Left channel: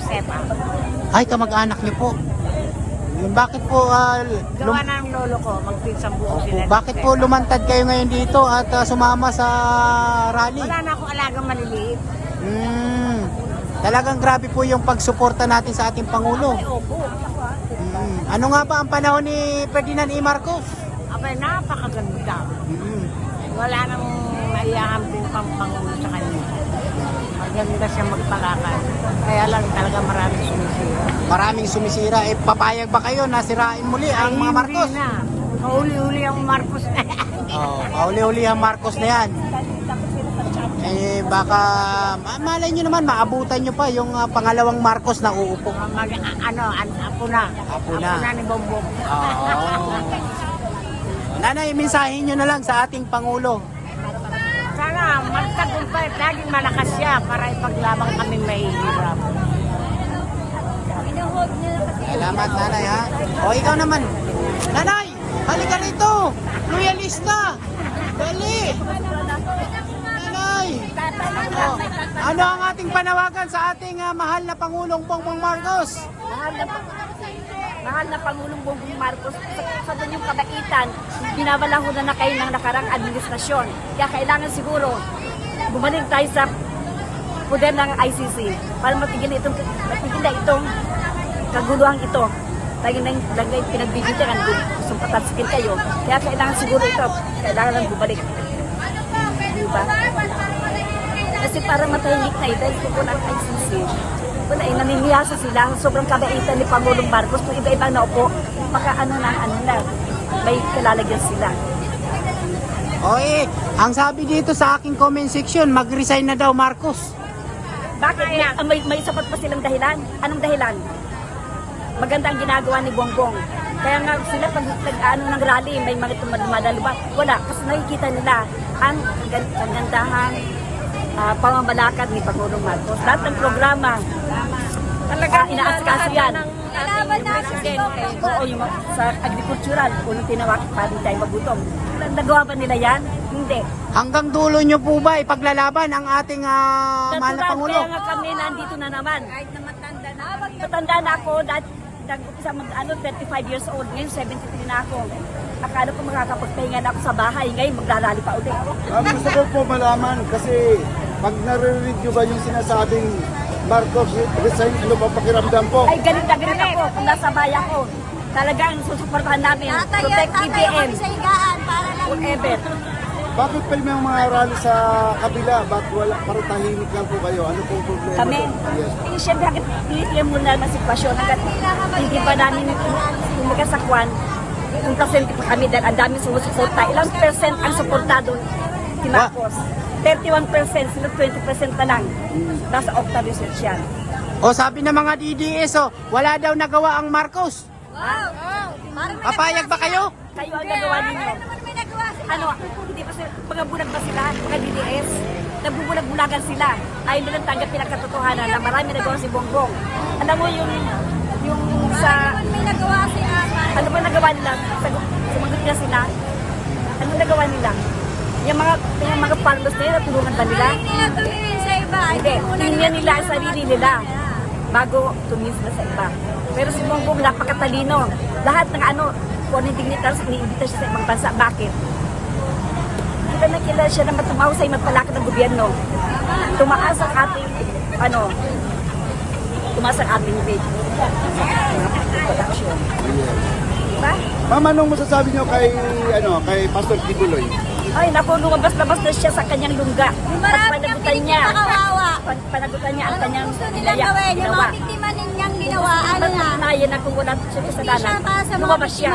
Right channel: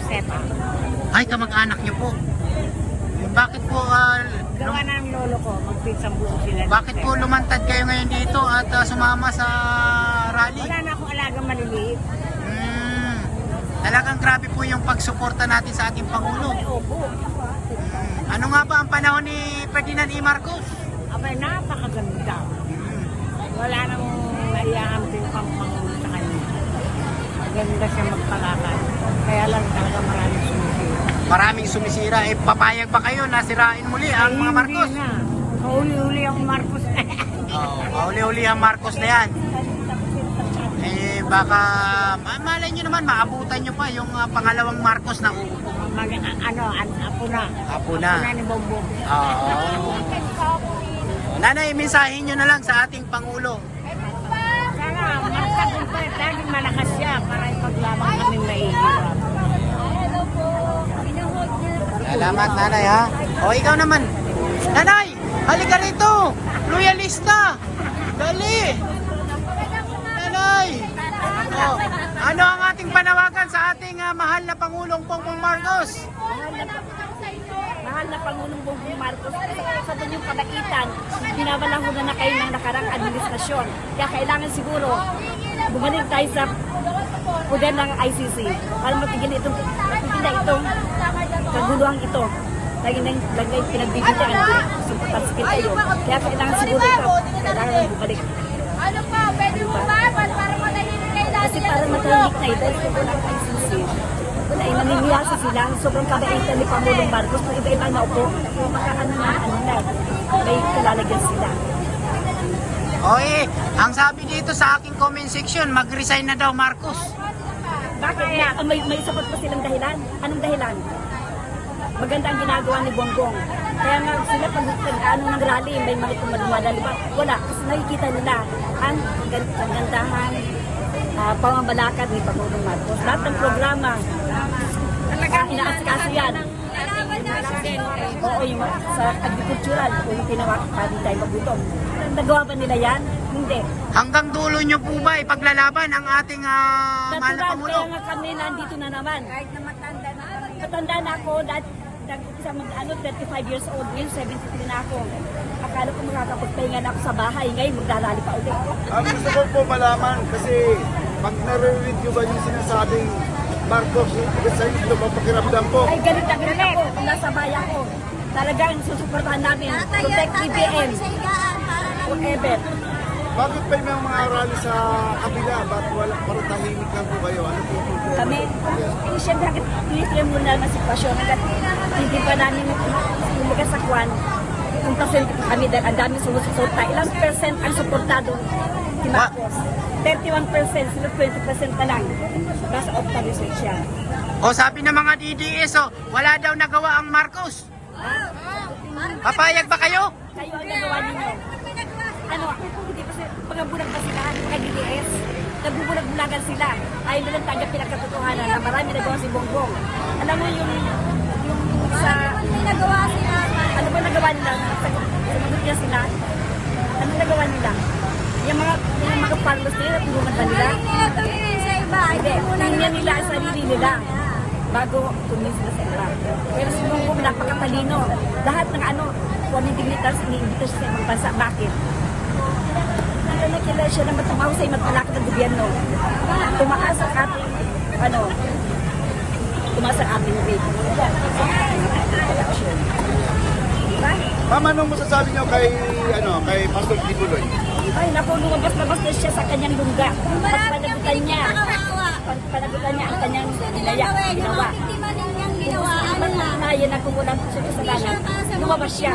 Josefa. Ay, kamag-anak niyo po. Bakit po, Gawa ng lolo ko, magpinsang buo sila. bakit po lumantad kayo ngayon dito at sumama sa rally? Wala na akong alagang maliliit. Talagang grabe po yung pagsuporta natin sa ating Pangulo. Ay, opo. Ano nga ba ang panahon ni Ferdinand E. Marcos? Abay, napakaganda. Wala nang naiahamping pang Pangulo sa kanya. Maganda siya magpalakad. Kaya lang talaga maraming sumisira. Maraming sumisira. Papayag ba kayo na sirain muli ang mga Marcos? Hindi na. Kauli-uli ang Marcos na yan. Kauli-uli ang Marcos na yan. Baka, malay nyo naman, maabutan nyo pa yung pangalawang Marcos na uupo. Apo na. Apo na. Apo na ni Bongbong. Nanay, mensahe nyo na lang sa ating Pangulo. Sana magtagumpay at laging malakas siya para ipaglamang kaming mahihirap. Salamat, nanay, ha? O, ikaw naman. Nanay, halika rito. Loyalista. Dali. Nanay. O, ano ang ating panawagan sa ating mahal na Pangulong Bongbong Marcos? Mahal na Pangulong Bongbong Marcos, sa yung kabaitan, binabalahunan na kayo ng nakarang administrasyon. Kaya kailangan siguro bumalik tayo sa poder ng ICC para matigil na itong kaguluhan ito. Lagay pinagbibintangan kung sumpataskill kayo. Kaya kailangan siguro ito, kailangan lang bumalik. Diba? Kasi para matahimik na ito, dahil po ng ICC, wala, naniniyasa sila. Sobrang kabaitan ni Pangulong Marcos. Kung iba-iba na upo, maka may kalalagyan sila. Ang sabi dito sa aking comment section, mag-resign na daw Marcos. Bakit? May sapat pa silang dahilan? Anong dahilan? Maganda ang ginagawa ni Bongbong. Kaya nga sila pag ng rally, may mga dumadalo ba? Wala. Kasi nakikita nila ang gandahan, pamamalakad ni Pangulong Marcos. Lahat ng programa, inaasikaso yan. Oo, yung sa agricultural, yung tinawag para tayo magutom. Nagawa ba nila yan? Hindi. Hanggang dulo nyo po ba ipaglalaban ang ating mahal na Pangulo? Kaya nga kami nandito na naman. Matanda na ako, nag-upisa 35 years old, ngayon 73 na ako. Akala ko makakapagpahinga na ako sa bahay, ngayon maglalali pa ulit. Gusto ko malaman kasi pag narinig nyo ba yung sinasabing Marcos, resign ko ba pakiramdam ko? Ay, galit na galit ako kung nasa bayan ko. Talagang susuportahan namin. Protect PBM. Forever. Bakit pa yung mga rally sa kabila? Bakit wala para tahimik lang po kayo? Ano po yung problema? Kami, siyempre hanggat pinitiyan muna naman sitwasyon. Hanggat hindi pa namin kumikasakwan, kung presente pa kami dahil ang daming sumusuporta. Ilang percent ang suportado si Marcos? 31%, sila 20% na lang. Nasa Octa Research yan. Sabi ng mga DDS, wala daw nagawa ang Marcos. Papayag ba kayo? Kayo ang nagawa ninyo. Ano, hindi pa sila, pagkabulag ba sila, mga DDS? Nagbubulag-bulagan sila. Ayaw nilang tanggapin ang katotohanan na marami nagawa si Bongbong. Alam mo yung sa... May nagawa si Ama. Ano ba nagawa nila? Sumagot niya sila. Ano nagawa nila? Yung mga farmers nila, tulungan ba nila? Hindi nila tumingin sa iba. Hindi, tingnan nila ang sarili nila bago tumingin sila sa iba. Pero si Bongbong napakatalino. Lahat ng foreign dignitaries, iniimbita siya sa ibang bansa. Bakit? Kilala siya na matumahusay magpalakad ng gobyerno. Tumaas ang ating, tumaas ang ating rate. Diba? Ma'am, anong masasabi nyo kay Pastor Kibuloy? Ay, naku, lumabas-labas na siya sa kanyang lungga. At panagutan niya. Panagutan niya ang kanyang ginawa. Yung mga biktima ninyang ginawa, ano na? Kaya na kung wala siya kasalanan. Lumabas siya.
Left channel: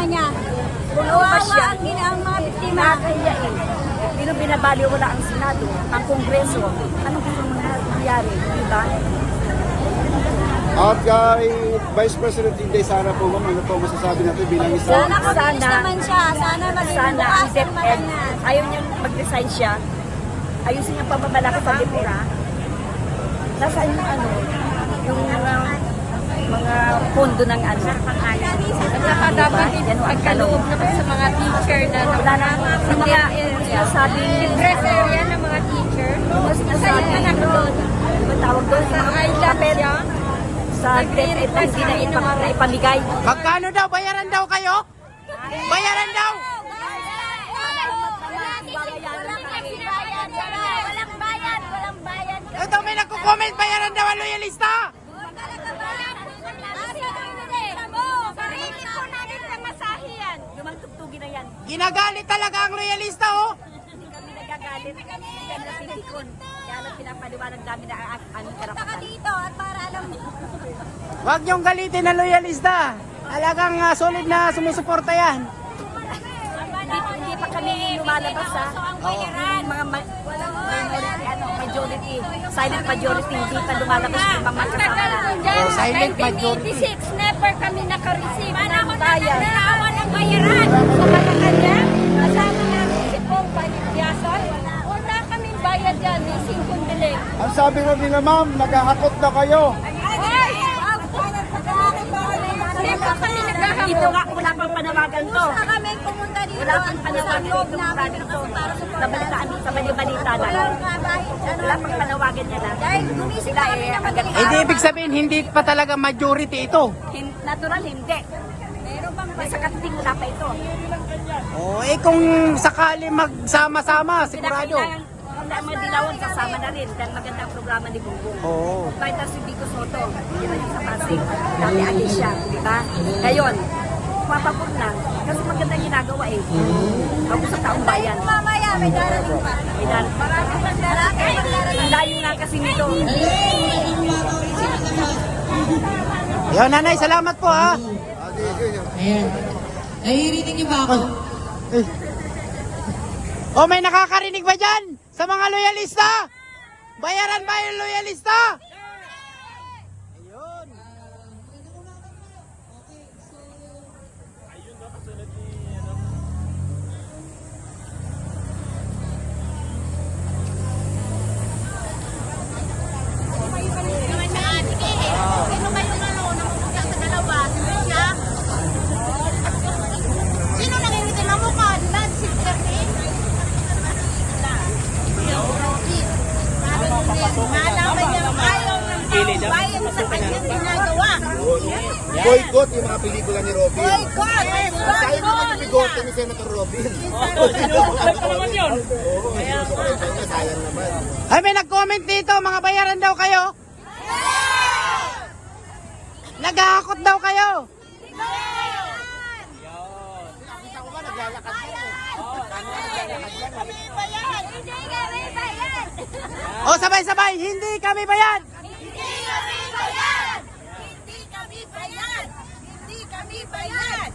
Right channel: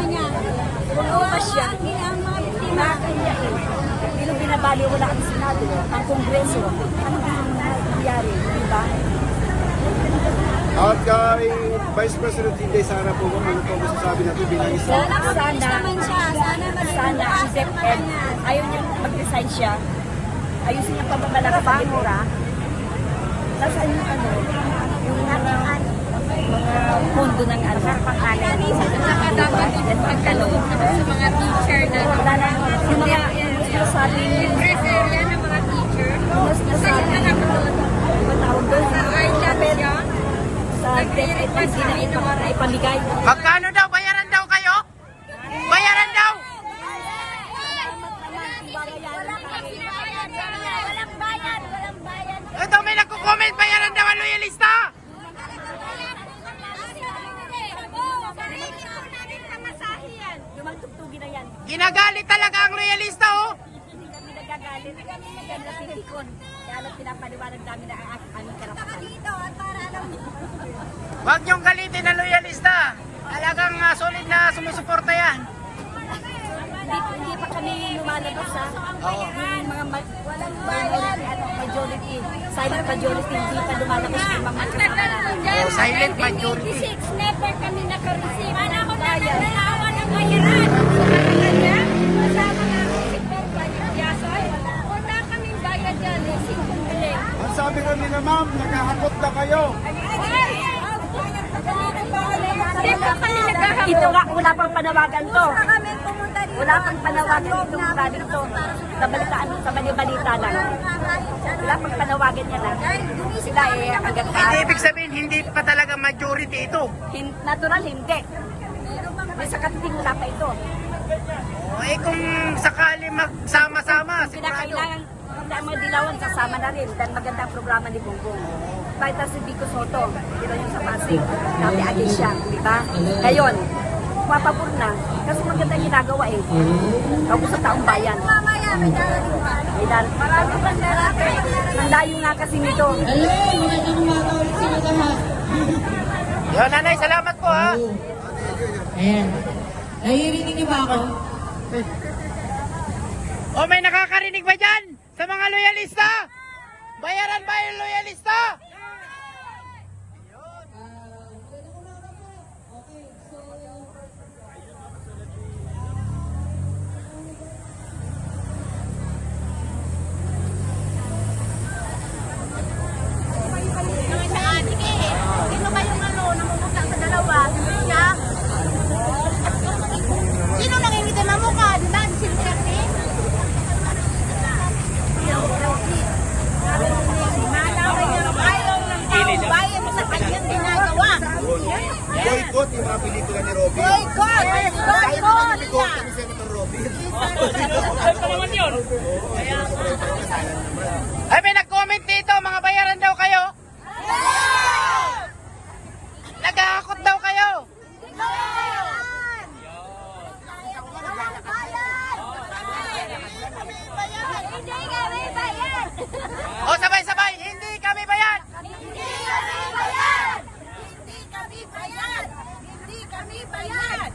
Lumabas siya. Ang mga biktima. Nakakaya eh. Hindi nung binabaliw wala ang Senado, ang Kongreso. Ano gusto mong nangyari? Diba? At kay Vice President Inday Sara po, ano po masasabi natin bilang isa? Sana Sana ang DepEd, ayaw niyang mag-resign siya. Ayusin niyang pamamalakad sa Dipura. Nasaan yung mga pondo ng pang-anan. Diba? Yan ang tanong. sa mga teacher na Wala na, yung mga sinasabing, ng mga teacher. yung mga sinasabing, ano tawag doon, yung mga papel, sa DepEd na hindi na ipamigay. Magkano daw? Bayaran daw kayo? Bayaran daw! Salamat naman, babayaran kami. Walang bayad, walang bayad. Ito may nagko-comment, bayaran daw ang loyalista! Lumagtugtugin na yan. Ginagalit talaga ang loyalista, oh! Hindi kami nagagalit. Hindi kami napitikon. Kaya lang pinapaliwanag namin na ang aming karapatan. Dito, para alam mo. Huwag niyong galitin ang loyalista. Talagang solid na sumusuporta yan. Hindi pa kami lumalabas ha. Yung mga minority, majority, silent majority, hindi pa lumalabas yung mga kasama namin. Oh, silent majority. 1986, never kami naka-receive ng bayan. Naawa ng bayaran. Sa kanya, kasama ng sipong bayad. Wala kaming bayad yan. Singkong biling. Ang sabi rin nila ma'am, nakahakot na kayo. Hindi po kami Ito naghahabol. nga, wala pang panawagan to. Kami pumunta dito. Wala pang panawagan dito mula dito. Sa balitaan, sa bali-balita lang. Wala pang panawagan niya na. Sila agad pa. Hindi ibig sabihin, hindi pa talaga majority ito. Natural, hindi. May sa katiting wala pa ito. Oh, eh kung sakali magsama-sama, sigurado. Pinakailangan mga dilawan kasama na rin dahil maganda ang programa ni Bongbong. Oo. Pakita si Vico Soto, hindi yung sa Pasig. Dati agad siya, di ba? Ngayon, mapapur na kasi maganda ang ginagawa eh. Bago sa taong bayan. Mamaya, may darating pa. May darating. Marami pang darating. Ang layo nga kasi nito. Oh, nanay, salamat po ha. Ayan. Naririnig niyo ba ako? Oh, may nakakarinig ba dyan? Sa mga loyalista? Bayaran ba yung loyalista? Sino kayong namupunta sa dalawa? Siya? Sino nangingitin ang mukha? Nancy kasi? Malaman niyang ayaw ng taong bayan sa kanyang ginagawa. Boycott yung mga pelikula ni Robin. Boycott! Tayo Boycott! mga bigote ni Senator Robin. Oo, yung suporta niya, sayang naman. Ay, may nag-comment dito, mga bayaran daw kayo. Naghahakot daw kayo. Hindi kami bayad! O, sabay-sabay, hindi kami bayad. Hindi kami bayad! Hindi kami bayad! Hindi kami bayad!